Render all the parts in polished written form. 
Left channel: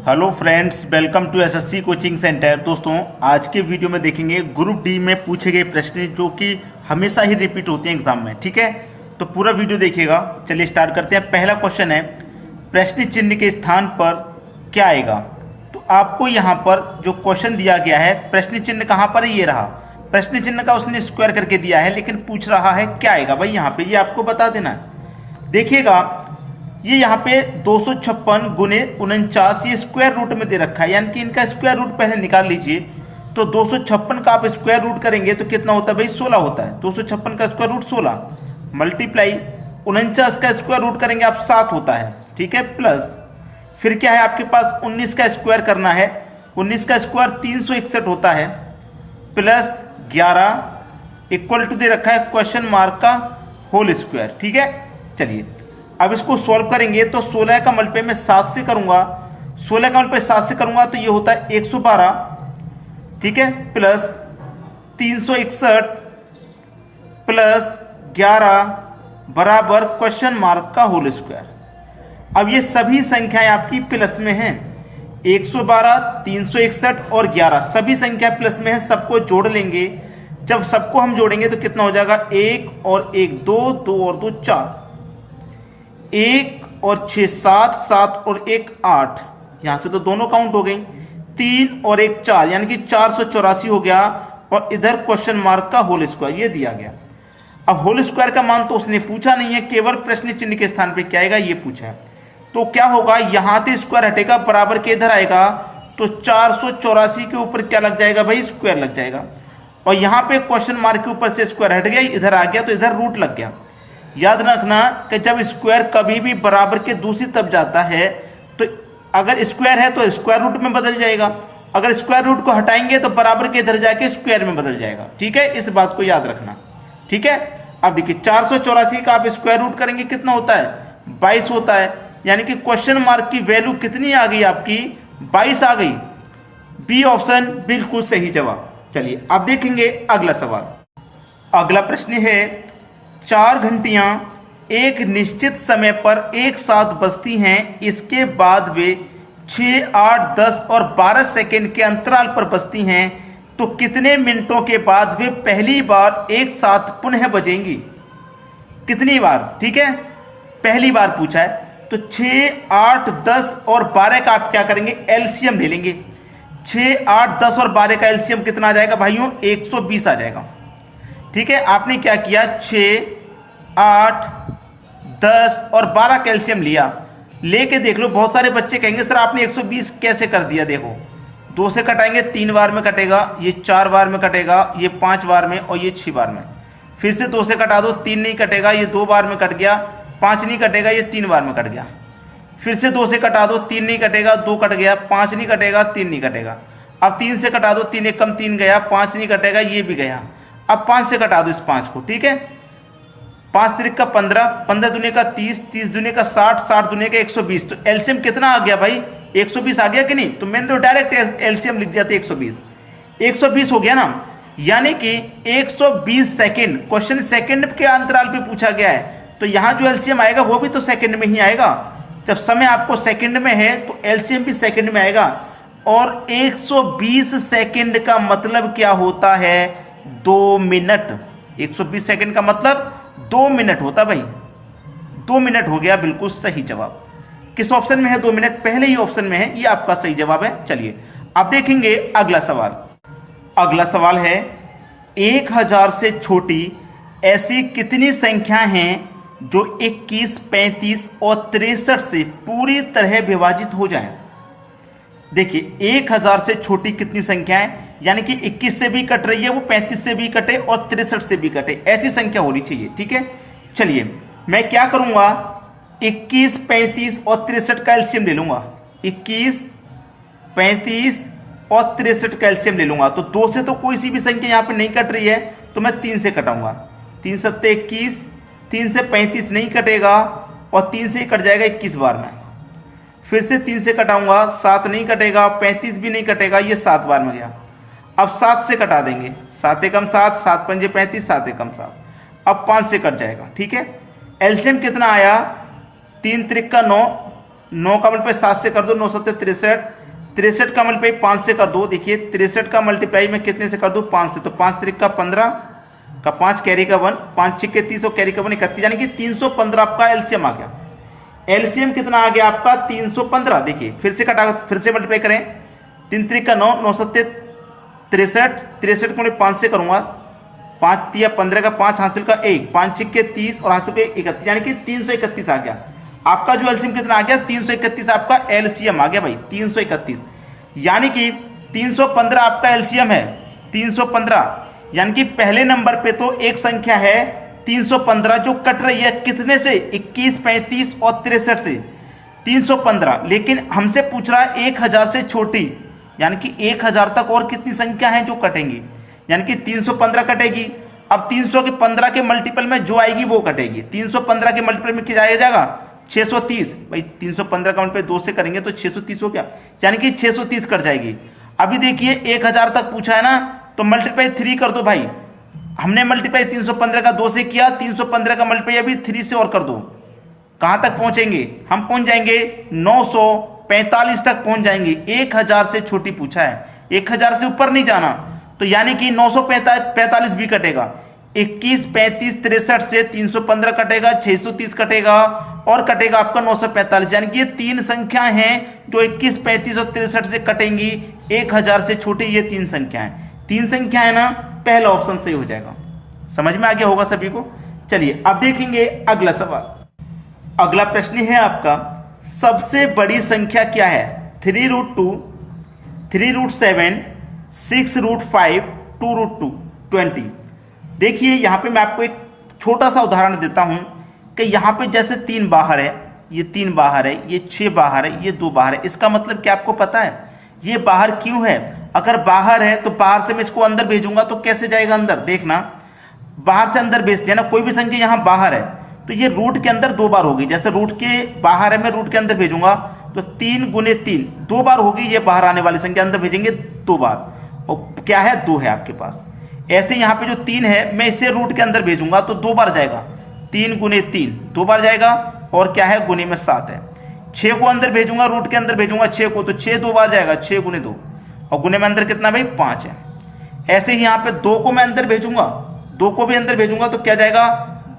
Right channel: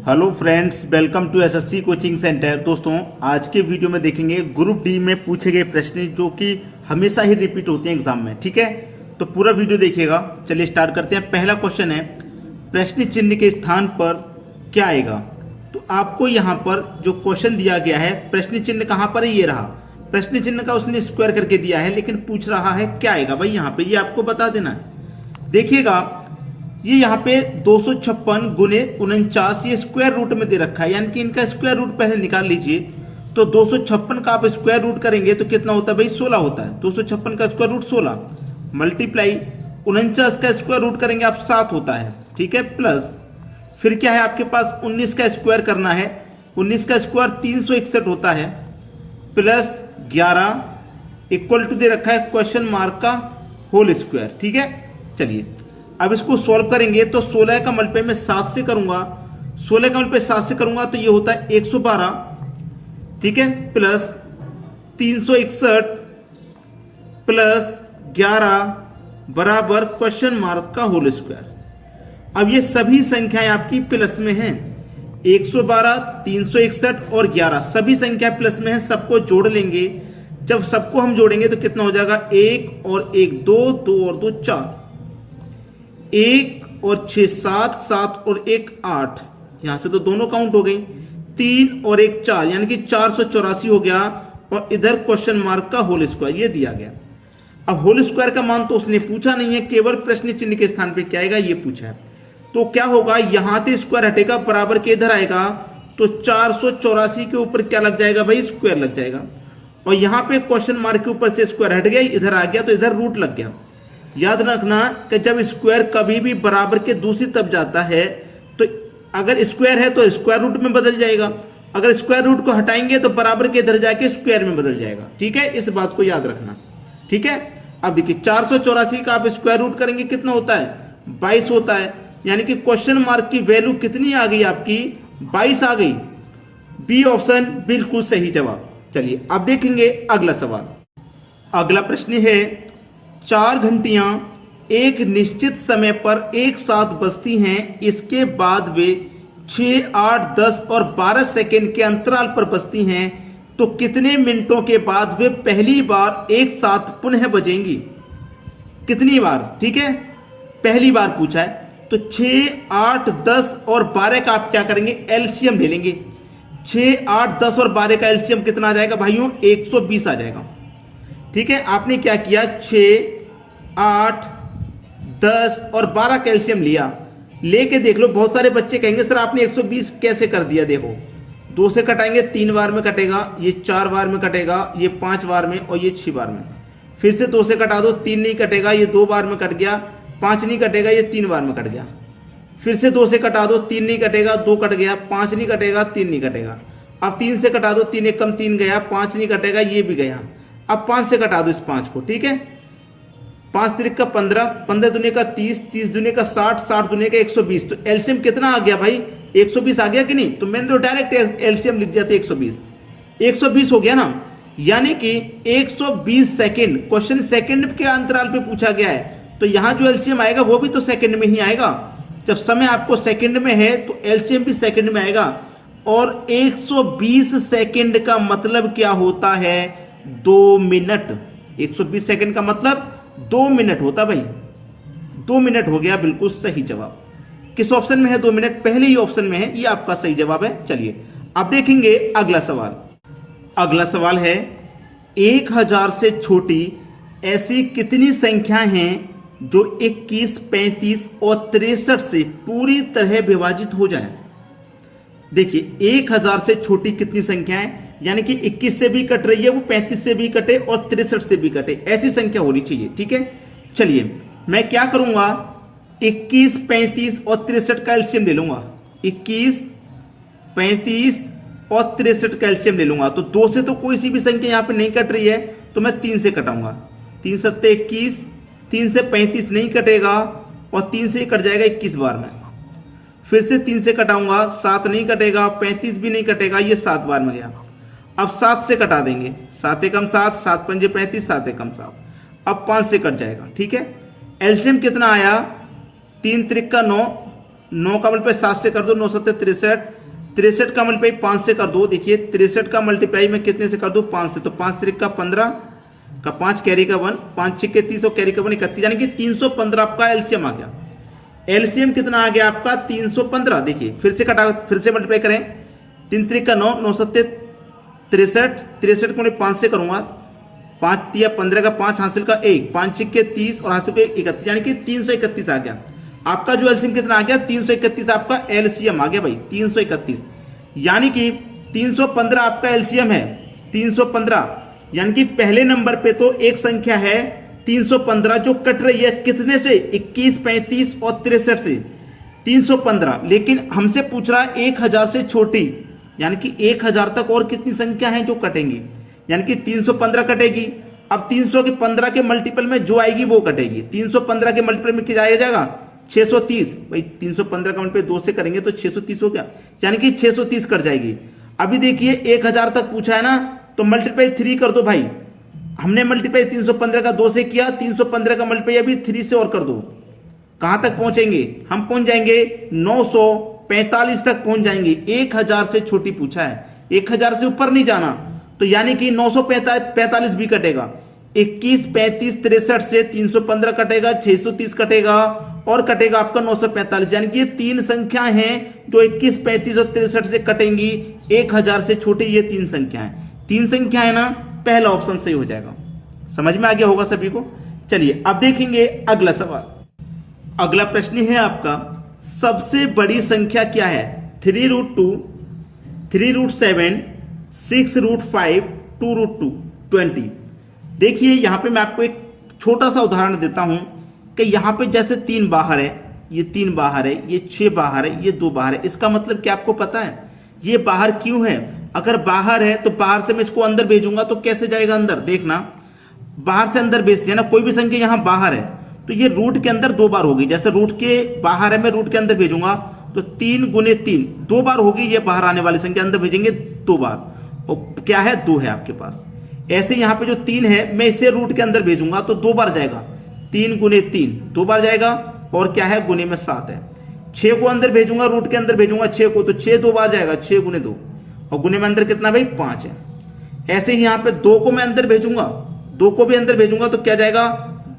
Hello friends, welcome to SSC coaching centre. दोस्तों, आज के वीडियो में देखेंगे ग्रुप डी में पूछे गए प्रश्न जो कि हमेशा ही रिपीट होते हैं एग्जाम में। ठीक है, तो पूरा वीडियो देखिएगा। चलिए स्टार्ट करते हैं। पहला क्वेश्चन है, प्रश्न चिन्ह के स्थान पर क्या आएगा। तो आपको यहाँ पर जो क्वेश्चन दिया गया है, प्रश्न चिन्ह कहाँ पर है, ये रहा। प्रश्न चिन्ह का उसने स्क्वायर करके दिया है, लेकिन पूछ रहा है क्या आएगा भाई यहाँ पे, ये आपको बता देना है। देखिएगा, ये यहाँ पे 256 गुने 49 ये स्क्वायर रूट में दे रखा है, यानी कि इनका स्क्वायर रूट पहले निकाल लीजिए। तो 256 का आप स्क्वायर रूट करेंगे तो कितना होता है भाई, 16 होता है। 256 का स्क्वायर रूट 16 मल्टीप्लाई 49 का स्क्वायर रूट करेंगे आप 7 होता है। ठीक है, प्लस फिर क्या है आपके पास 19 का स्क्वायर करना है। 19 का स्क्वायर 361 होता है, प्लस 11 इक्वल टू दे रखा है क्वेश्चन मार्क का होल स्क्वायर। ठीक है, चलिए अब इसको सॉल्व करेंगे तो 16 का मल्टीप्लाई में 7 से करूंगा, 16 का मल्टीप्लाई 7 से करूंगा तो ये होता है 112। ठीक है, प्लस 361 प्लस 11 बराबर क्वेश्चन मार्क का होल स्क्वायर। अब ये सभी संख्याएं आपकी प्लस में हैं, 112, 361 और 11 सभी संख्या प्लस में है। सबको जोड़ लेंगे। जब सबको हम जोड़ेंगे तो कितना हो जाएगा, 1 और 1 2, 2 और 2 4, 1 और 6 7, 7 और 1 8, यहां से तो दोनों काउंट हो गई। 3 और 1 4, यानी कि 484 हो गया। और इधर क्वेश्चन मार्क का होल स्क्वायर ये दिया गया। अब होल स्क्वायर का मान तो उसने पूछा नहीं है, केवल प्रश्न चिन्ह के स्थान पे क्या आएगा ये पूछा है। तो क्या होगा, यहां से स्क्वायर हटेगा, बराबर के इधर आएगा, तो 484 के ऊपर क्या लग जाएगा भाई, स्क्वायर लग जाएगा। और यहां पे क्वेश्चन मार्क के ऊपर से स्क्वायर हट गया, इधर आ गया तो इधर रूट लग गया। याद रखना कि जब स्क्वायर कभी भी बराबर के दूसरी तरफ जाता है तो अगर स्क्वायर है तो स्क्वायर रूट में बदल जाएगा, अगर स्क्वायर रूट को हटाएंगे तो बराबर के इधर जाके स्क्वायर में बदल जाएगा। ठीक है, इस बात को याद रखना। ठीक है, अब देखिए 484 का आप स्क्वायर रूट करेंगे कितना होता है, 22 होता है। यानी कि क्वेश्चन मार्क की वैल्यू कितनी आ गई आपकी, 22 आ गई। बी ऑप्शन बिल्कुल सही जवाब। चलिए अब देखेंगे अगला सवाल। अगला प्रश्न है, 4 घंटियां एक निश्चित समय पर एक साथ बजती हैं, इसके बाद वे 6, 8, 10 और 12 सेकेंड के अंतराल पर बजती हैं, तो कितने मिनटों के बाद वे पहली बार एक साथ पुनः बजेंगी। कितनी बार, ठीक है, पहली बार पूछा है। तो 6, 8, 10 और 12 का आप क्या करेंगे, एलसीएम ले लेंगे। 6, 8, 10 और 12 का एलसीएम कितना आ जाएगा भाइयों, 120 आ जाएगा। ठीक है, आपने क्या किया, 6, 8, 10 और 12 कैल्शियम लिया, लेके देख लो। बहुत सारे बच्चे कहेंगे सर आपने 120 कैसे कर दिया। देखो, 2 से कटाएंगे 3 बार में कटेगा, ये 4 बार में कटेगा, ये 5 बार में और ये 6 बार में। फिर से 2 से कटा दो, 3 नहीं कटेगा, ये 2 बार में कट गया। 5 नहीं कटेगा, ये 3 बार में कट गया। फिर से 2 से कटा दो, 3 नहीं कटेगा, 2 कट गया। 5 नहीं कटेगा, 3 नहीं कटेगा। अब 3 से कटा दो, 3 एक कम 3 गया। 5 नहीं कटेगा, ये भी गया। अब 5 से कटा दो इस 5 को। ठीक है, 5 त्रिक का 15, 15 दुने का 30, 30 दुने का 60, 60 दुने का 120। तो एलसीएम कितना आ गया भाई, 120 आ गया कि नहीं। तो मैंने तो डायरेक्ट एलसीएम लिख दिया था 120। 120 हो गया ना, यानी कि 120 सेकेंड, क्वेश्चन सेकेंड के अंतराल पे पूछा गया है, तो यहां जो एलसीएम आएगा वो भी तो सेकेंड में ही आएगा। जब समय आपको सेकेंड में है तो एलसीएम भी सेकेंड में आएगा। और 120 सेकेंड का मतलब क्या होता है, 2 मिनट। 120 सेकेंड का मतलब 2 मिनट होता भाई। 2 मिनट हो गया, बिल्कुल सही जवाब। किस ऑप्शन में है 2 मिनट, पहले ही ऑप्शन में है, ये आपका सही जवाब है। चलिए अब देखेंगे अगला सवाल। अगला सवाल है, 1000 से छोटी ऐसी कितनी संख्या हैं जो 21, 35 और 63 से पूरी तरह विभाजित हो जाएं। देखिए 1000 से छोटी कितनी संख्या है, यानी कि 21 से भी कट रही है वो, 35 से भी कटे और 63 से भी कटे, ऐसी संख्या होनी चाहिए। ठीक है, चलिए मैं क्या करूंगा, 21, 35 और 63 का एलसीएम ले लूंगा। 21, 35 और 63 का एलसीएम ले लूंगा। तो 2 से तो कोई सी भी संख्या यहां पे नहीं कट रही है, तो मैं 3 से कटाऊंगा। 3 सत्ते 21, 3 से 35 नहीं कटेगा और 3 से कट जाएगा 21 बार में। फिर से 3 से कटाऊंगा, 7 नहीं कटेगा, 35 भी नहीं कटेगा, ये 7 बार में गया। अब 7 से कटा देंगे, 7 एकम 7, 7 पंजे 35, 7 एकम 7। अब 5 से कट जाएगा। ठीक है, एलसीएम कितना आया, 3 त्रिक का 9, 9 का मल्टीप्लाई 7 से कर दो, 9 7 63, 63 का मल्टीप्लाई 5 से कर दो। देखिए 63 का मल्टीप्लाई मैं कितने से कर दूं, 5 से, तो 5 3 का 15 का 5 कैरी का 1, 5 6 के 30 और कैरी का 1 31, यानी कि 315 आपका एलसीएम आ गया। एलसीएम कितना आ गया आपका 315। देखिए फिर से कटा, फिर से मल्टीप्लाई करें, 3 3 का 9, 9 7 63, 63 को मैं 5 से करूंगा, 5 3 15 का 5 हासिल का 1, 5 6 के 30 और हासिल का 31, यानी कि 331 आ गया। आपका जो एलसीएम कितना आ गया 331 आपका एलसीएम आ गया भाई, 331, यानी कि 315 आपका एलसीएम है, 315, यानी कि पहले नंबर पे तो एक संख्या है 315 जो कट रही है कितने से, 21 35 और 63 से 315, लेकिन हमसे पूछ रहा है 1000 से छोटी, यानी कि 1000 तक और कितनी संख्या है जो कटेंगी, यानी कि 315 कटेगी। अब 315 के मल्टीपल में जो आएगी वो कटेगी। 315 के मल्टीपल में क्या जाएगा 630, भाई 315 का मल्टीपल 2 से करेंगे तो 630 हो गया, यानी कि 630 कट जाएगी। अभी देखिए 1000 तक पूछा है ना, तो मल्टीप्लाई 3 कर दो भाई, हमने मल्टीप्लाई 315 का 2 से किया, 315 का मल्टीप्लाई अभी 3 से और कर दो, कहां तक पहुंचेंगे हम, पहुंच जाएंगे 945 तक पहुंच जाएंगे। 1000 से छोटी पूछा है, 1000 से ऊपर नहीं जाना, तो यानी कि 945 भी कटेगा, 21 35 63 से 315 कटेगा, 630 कटेगा और कटेगा आपका 945, यानी कि ये 3 संख्या हैं जो 21 35 और 63 से कटेंगी। 1000 से छोटी ये 3 संख्या है, 3 संख्या है ना, पहला ऑप्शन सही हो जाएगा। समझ में आ गया होगा सभी को। चलिए अब देखेंगे अगला सवाल। अगला प्रश्न है आपका, सबसे बड़ी संख्या क्या है, 3√2, 3√7, 6√5, 2√2, 20। देखिए यहां पे मैं आपको एक छोटा सा उदाहरण देता हूं कि यहां पे जैसे 3 बाहर है, ये 3 बाहर है, ये 6 बाहर है, ये 2 बाहर है। इसका मतलब क्या आपको पता है ये बाहर क्यों है? अगर बाहर है तो बाहर से मैं इसको अंदर भेजूंगा तो कैसे जाएगा अंदर, देखना बाहर से अंदर भेज दिया ना, कोई भी संख्या यहां बाहर है तो ये रूट के अंदर 2 बार होगी। जैसे रूट के बाहर है, मैं रूट के अंदर भेजूंगा तो 3 गुने 3 2 बार होगी, ये बाहर आने वाली संख्या अंदर भेजेंगे 2 बार, और क्या है 2 है आपके पास। ऐसे यहां पे जो 3 है मैं इसे रूट के अंदर भेजूंगा तो 2 बार जाएगा, 3 गुने 3 2 बार जाएगा, और क्या है गुने में 7 है। 6 को अंदर भेजूंगा, रूट के अंदर भेजूंगा 6 को, तो 6 2 बार जाएगा, 6 गुने 2, और गुने में अंदर कितना भाई 5 है। ऐसे ही यहां पे 2 को मैं अंदर भेजूंगा, 2 को भी अंदर भेजूंगा तो क्या जाएगा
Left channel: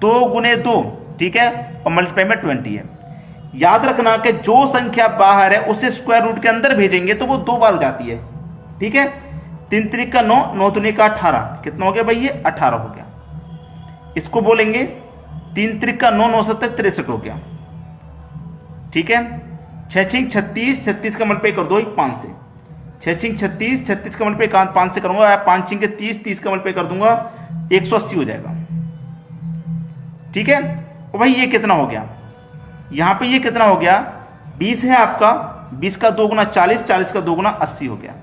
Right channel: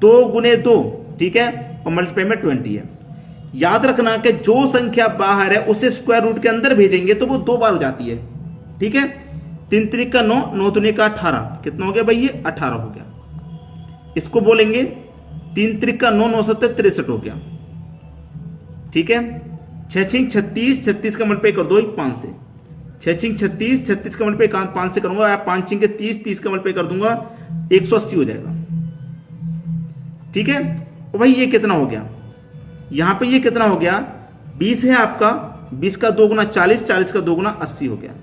2 गुने 2, ठीक है, और मल्टीप्लाई में 20 है। याद रखना कि जो संख्या बाहर है उसे स्क्वायर रूट के अंदर भेजेंगे तो वो 2 बार हो जाती है, ठीक है। 3 त्रिक का 9, 9 दूनी का 18, कितना हो गया भाई ये 18 हो गया। इसको बोलेंगे 3 त्रिक का 9, 9 7 63 हो गया, ठीक है। 6 6 36, 36 का मल्टीप्लाई कर दो 5 से, 6 6 36, 36 का मल्टीप्लाई 5 से करूंगा, 5 6 के 30, 30 का मल्टीप्लाई कर दूंगा 180 हो जाएगा, ठीक है। और भाई ये कितना हो गया, यहां पे ये कितना हो गया 20 है आपका, 20 का 2 गुना 40, 40 का 2 गुना 80 हो गया,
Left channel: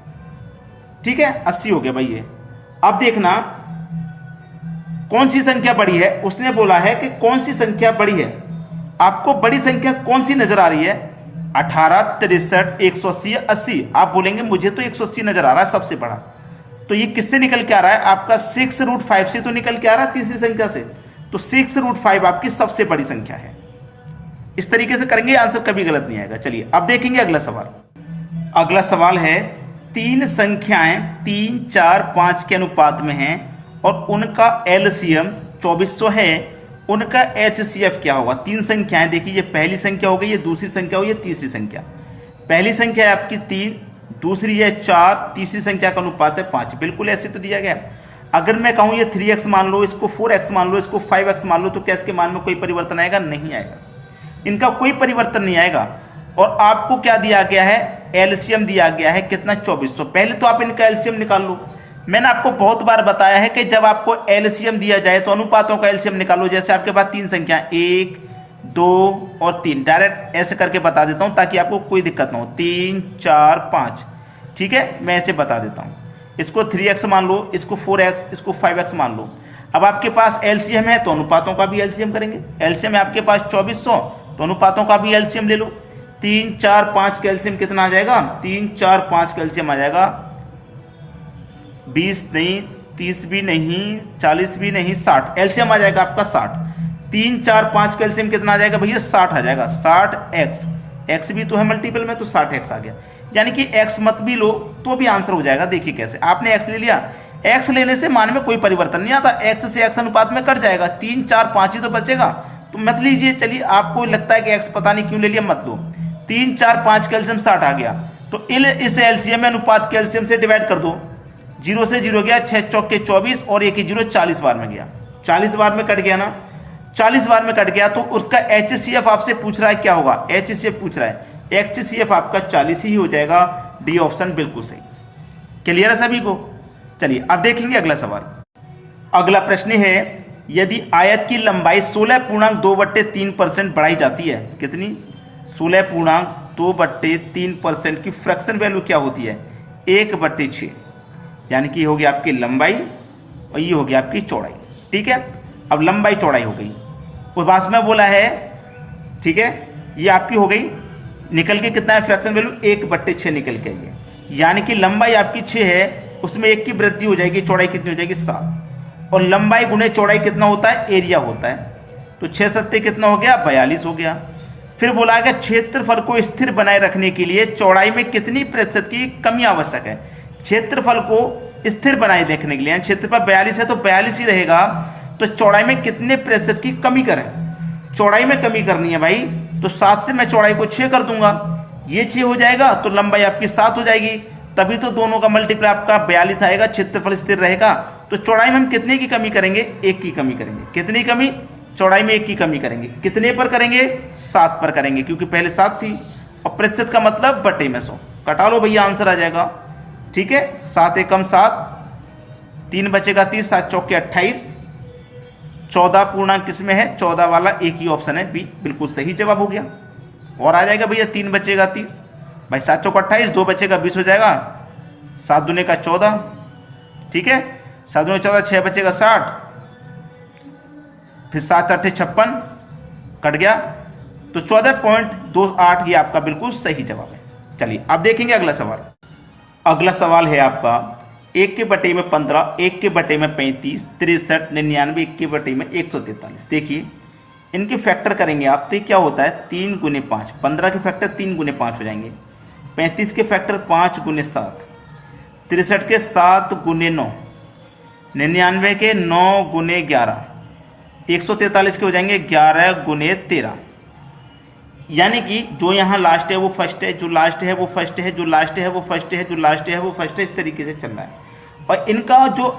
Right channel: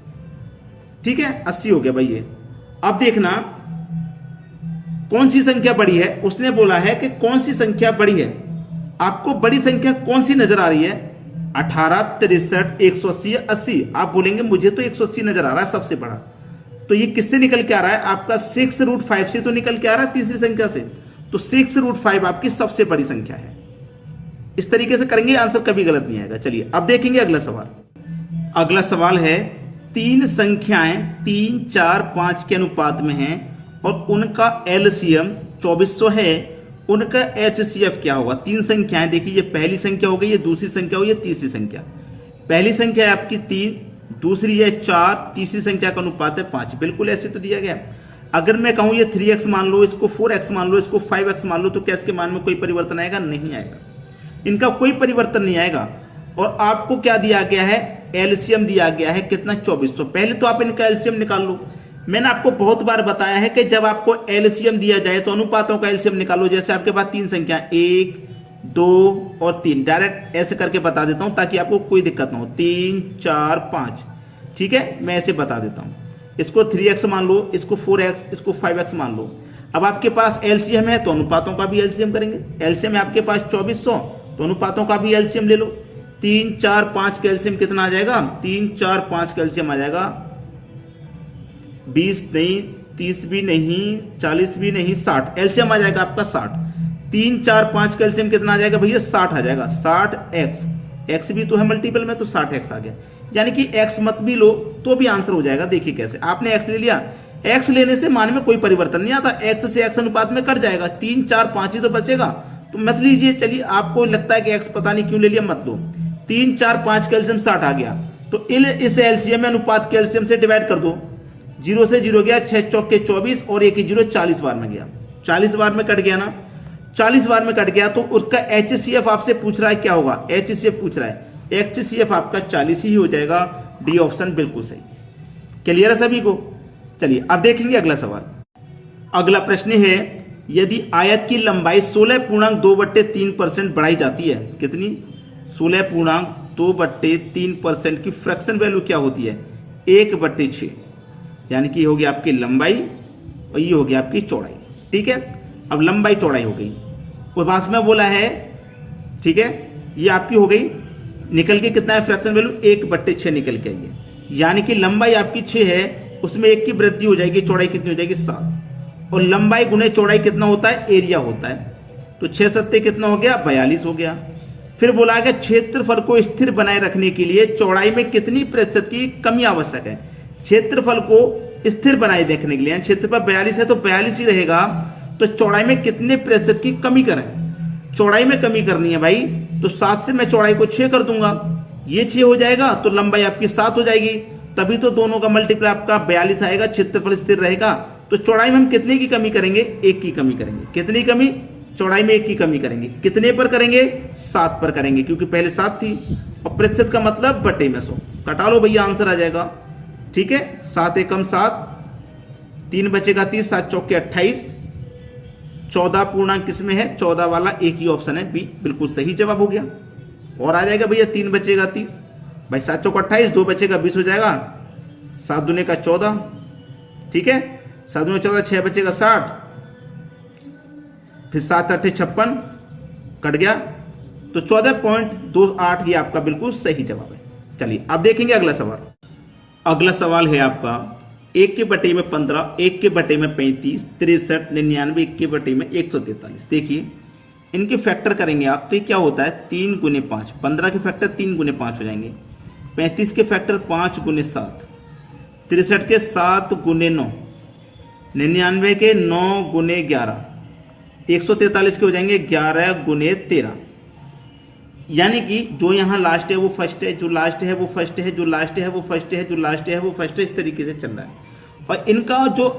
ठीक है, 80 हो गया भाई ये। अब देखना कौन सी संख्या बड़ी है, उसने बोला है कि कौन सी संख्या बड़ी है। आपको बड़ी संख्या कौन सी नजर आ रही है, 18 63 180 80। आप बोलेंगे मुझे तो 180 नजर आ रहा है सबसे बड़ा, तो ये किससे निकल के आ रहा है आपका 6√5 से तो निकल के आ रहा है, तीसरी संख्या से, तो 6√5 आपकी सबसे बड़ी संख्या है। इस तरीके से करेंगे आंसर कभी गलत नहीं आएगा। चलिए अब देखेंगे अगला सवाल। अगला सवाल है 3 संख्याएं 3 4 5 के अनुपात में हैं और उनका एलसीएम 2400 है, उनका एचसीएफ क्या होगा। 3 संख्याएं, देखिए ये पहली संख्या हो गई, ये दूसरी संख्या हो, ये तीसरी संख्या। पहली संख्या है आपकी 3, दूसरी है 4, तीसरी संख्या का अनुपात है 5। बिल्कुल ऐसे तो दिया गया है। अगर मैं कहूं ये 3x मान लो, इसको 4x मान लो, इसको 5x मान लो, तो क्या इसके मान में कोई परिवर्तन आएगा? नहीं आएगा, इनका कोई परिवर्तन नहीं आएगा। और आपको क्या दिया गया है, एलसीएम दिया गया है कितना 2400। पहले तो आप इनका एलसीएम निकाल लो। मैंने आपको बहुत बार बताया है कि जब आपको एलसीएम दिया जाए तो अनुपातों का एलसीएम निकालो। जैसे आपके पास 3 संख्या 1 2 और 3, डायरेक्ट ऐसे करके बता देता हूं ताकि आपको कोई दिक्कत ना हो। 3 4 5, ठीक है, मैं ऐसे बता देता हूं। इसको 3x मान लो, इसको 4x, इसको 5x मान लो। अब आपके पास एलसीएम है तो अनुपातों का भी एलसीएम करेंगे। एलसीएम है आपके पास 2400, तो अनुपातों का भी एलसीएम ले लो। 3 4 5 का एलसीएम कितना आ जाएगा? 3 4 5 का एलसीएम आ जाएगा 20 नहीं, 30 भी नहीं, 40 भी नहीं, 60। एलसीएम आ जाएगा आपका 60। 3 4 5 का एलसीएम कितना आ जाएगा भैया? 60 आ जाएगा। 60x, x भी तो है मल्टीपल में, तो 60x आ गया। यानी कि x मत भी लो तो भी आंसर हो जाएगा। देखिए कैसे, आपने x ले लिया, x लेने से मान में कोई परिवर्तन नहीं आता, x से x अनुपात में कट जाएगा, 3 4 5 ही तो बचेगा, तो मत लीजिए। चलिए, आपको लगता है कि x पता नहीं क्यों ले लिया, मत लो। 3 4 5 कैल्शियम 60 आ गया, तो इस एलसीएम में अनुपात कैल्शियम से डिवाइड कर दो। 0 से 0 गया, 6 चौके 24 और 1 0 40 बार में गया, 40 बार में कट गया ना, 40 बार में कट गया। तो उसका HCF आपसे पूछ रहा है क्या होगा, HCF पूछ रहा है, HCF आपका 40 ही हो जाएगा। डी ऑप्शन बिल्कुल सही। क्लियर है सभी को? चलिए अब देखेंगे अगला सवाल। अगला प्रश्न है, यदि आयत की लंबाई 16.2/3% बढ़ाई जाती है, कितनी, 16.2/3% की फ्रैक्शन वैल्यू क्या होती है, 1/6, यानी कि होगी आपकी लंबाई और ये होगी आपकी चौड़ाई। ठीक है, अब लंबाई चौड़ाई हो गई, उस बात में बोला है, ठीक है, ये आपकी हो गई, निकल के कितना है फ्रैक्शन वैल्यू, 1/6 निकल के आई है, यानी कि लंबाई आपकी 6 है, उसमें 1 की वृद्धि हो जाएगी, चौड़ाई कितनी हो जाएगी, 7, और लंबाई गुने चौड़ाई कितना होता है, एरिया होता है, तो 6 7 कितना हो गया, 42 हो गया। फिर बोला है क्षेत्रफल को स्थिर बनाए रखने के लिए चौड़ाई में कितनी प्रतिशत की कमी आवश्यक है। क्षेत्रफल को स्थिर बनाए रखने के लिए, क्षेत्रफल 42 है तो 42 ही रहेगा, तो चौड़ाई में कितने प्रतिशत की कमी करें, चौड़ाई में कमी करनी है भाई, तो 7 से मैं चौड़ाई को 6 कर दूंगा, ये 6 हो जाएगा, तो लंबाई आपकी 7 हो जाएगी, तभी तो दोनों का मल्टीप्लाई आपका 42 आएगा, क्षेत्रफल स्थिर रहेगा। तो चौड़ाई में हम कितने की कमी करेंगे, 1 की कमी करेंगे। कितनी कमी, चौड़ाई में 1 की कमी करेंगे। कितने पर करेंगे, 7 पर करेंगे, क्योंकि पहले 7 थी, और प्रतिशत का मतलब बटे में 100, कटा लो भैया, आंसर आ जाएगा। ठीक है, 7 एकम 7, 3 बचेगा 30, 7 चौके 28, 14 पूर्णांक किसमें है, 14 वाला एक ही ऑप्शन है, बी बिल्कुल सही जवाब हो गया। और आ जाएगा भैया 3 बचेगा 30, भाई 7 चौक 28, 2 बचेगा 20 हो जाएगा, 7 दूने का 14, ठीक है, 7 दूने 14, 6 बचेगा 60, फिर 7 8 56 कट गया, तो 14.28 ये आपका बिल्कुल सही जवाब है। चलिए अब देखेंगे अगला सवाल। अगला सवाल है आपका 1 के बटे में 15, 1 के बटे में 35, 63, 99, 1 के बटे में 143। देखिए इनके फैक्टर करेंगे आप, तो क्या होता है, 3 गुने 5, 15 के फैक्टर 3 गुने 5 हो जाएंगे, 35 के फैक्टर 5 गुने 7, 63 के 7 गुने 9, 99 के 9 गुने 11, 143 के हो जाएंगे 11 गुने 13। यानी कि जो यहाँ लास्ट है वो फर्स्ट है, जो लास्ट है वो फर्स्ट है, जो लास्ट है वो फर्स्ट है, जो लास्ट है वो फर्स्ट है, इस तरीके से चल रहा है। और इनका जो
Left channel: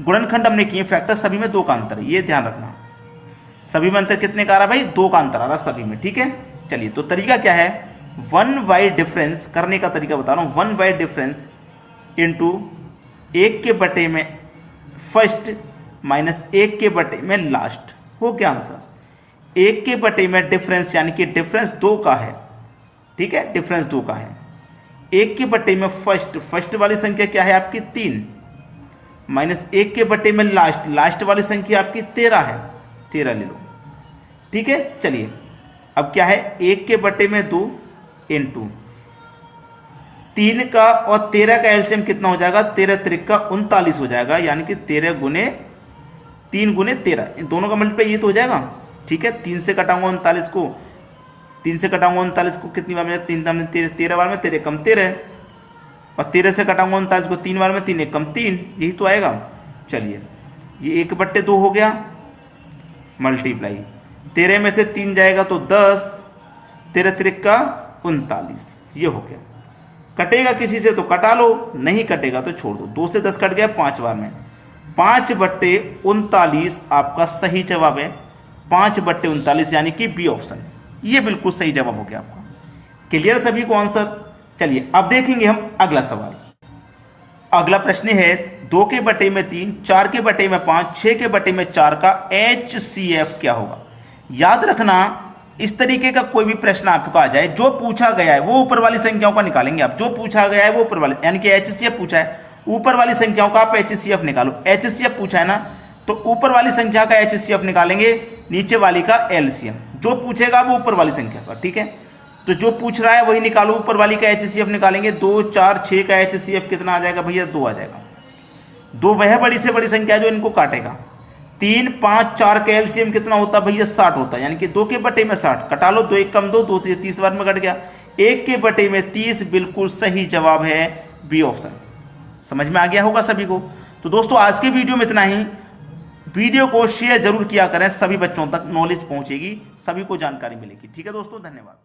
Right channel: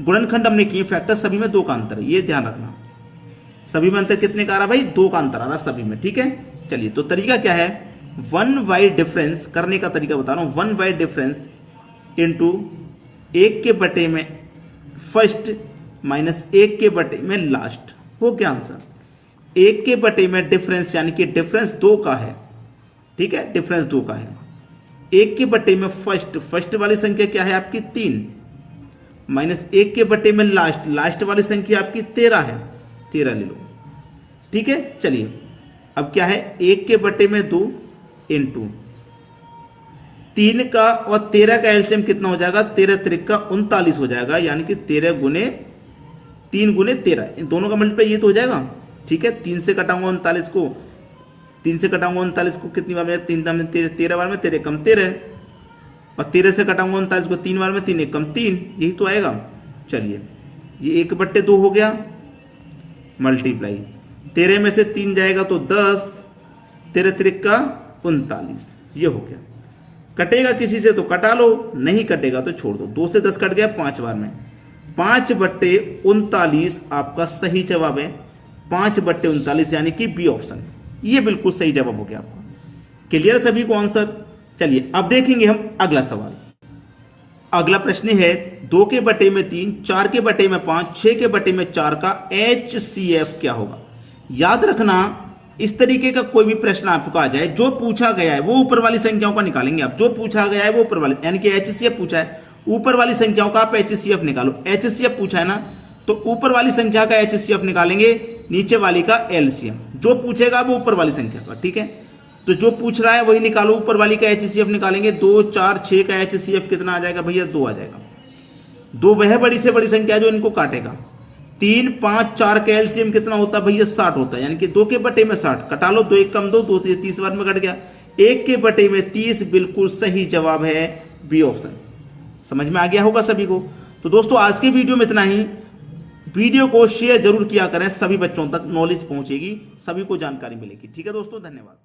गुणनखंड हमने किए फैक्टर, सभी में 2 का अंतर है, ये ध्यान रखना। सभी में अंतर कितने का आ रहा भाई, 2 का अंतर आ रहा सभी में। ठीक है, चलिए तो तरीका क्या है, 1/y डिफरेंस करने का तरीका बता रहा हूँ। 1/y डिफरेंस इंटू 1 के बटे में फर्स्ट माइनस 1 के बटे में लास्ट, हो गया आंसर। 1 के बटे में डिफरेंस, यानी कि डिफरेंस 2 का है, ठीक है, डिफरेंस 2 का है। 1 के बटे में फर्स्ट, फर्स्ट वाली संख्या क्या है आपकी 3, माइनस 1 के बटे में लास्ट, लास्ट वाली संख्या आपकी 13 है, 13 ले लो। ठीक है, चलिए अब क्या है, 1 के बटे में 2 इंटू 3 का और 13 का एलसीएम कितना हो जाएगा, 13 त्रिक का 39 हो जाएगा, यानी कि 13 गुने 3 गुने 13, इन दोनों का मल्टीप्लाई ये तो हो जाएगा। ठीक है, 3 से कटाऊंगा 39 को, 3 से कटाऊंगा 39 को कितनी बार में, 3 में 13 बार में, 13 कम 13, और 13 से कटाऊंगा 39 को 3 बार में, 3 कम 3, यही तो आएगा। चलिए ये 1/2 हो गया, मल्टीप्लाई 13 में से 3 जाएगा तो 10, 13 त्रिक का 39, ये हो गया। कटेगा किसी से तो कटा लो, नहीं कटेगा तो छोड़ दो। 2 से 10 कट गया 5 बार में, 5/39 आपका सही जवाब है, 5/39 यानी कि बी ऑप्शन, ये बिल्कुल सही जवाब हो गया आपका। क्लियर सभी को आंसर। चलिए अब देखेंगे हम अगला सवाल। अगला प्रश्न है 2 के बटे में 3, 4 के बटे में 5, 6 के बटे में 4 का HCF क्या होगा। याद रखना, इस तरीके का कोई भी प्रश्न आपको आ जाए, जो पूछा गया है वो ऊपर वाली संख्याओं का निकालेंगे आप, जो पूछा गया है वो ऊपर वाले, यानी कि HCF पूछा है, ऊपर वाली संख्याओं का आप HCF निकालो। HCF पूछा है ना, तो ऊपर वाली संख्या का HCF निकालेंगे, नीचे वाली का LCM, जो पूछेगा वो ऊपर वाली संख्या का। ठीक है, तो जो पूछ रहा है वही निकालो, ऊपर वाली का HCF निकालेंगे। 2 4 6 का HCF कितना आ जाएगा भैया, 2 आ जाएगा। 2 वह बड़ी से बड़ी संख्या जो इनको काटेगा, 3, 5, 4 का एलसीएम कितना होता है भैया 60 होता है, यानी कि 2 के बटे में 60 कटा लो, 2 1 कम 2, 2 से 30 बार में कट गया, 1 के बटे में 30 बिल्कुल सही जवाब है बी ऑप्शन। समझ में आ गया होगा सभी को। तो दोस्तों आज की वीडियो में इतना ही। वीडियो को शेयर जरूर किया करें, सभी बच्चों तक नॉलेज पहुंचेगी, सभी को जानकारी मिलेगी। ठीक है दोस्तों, धन्यवाद।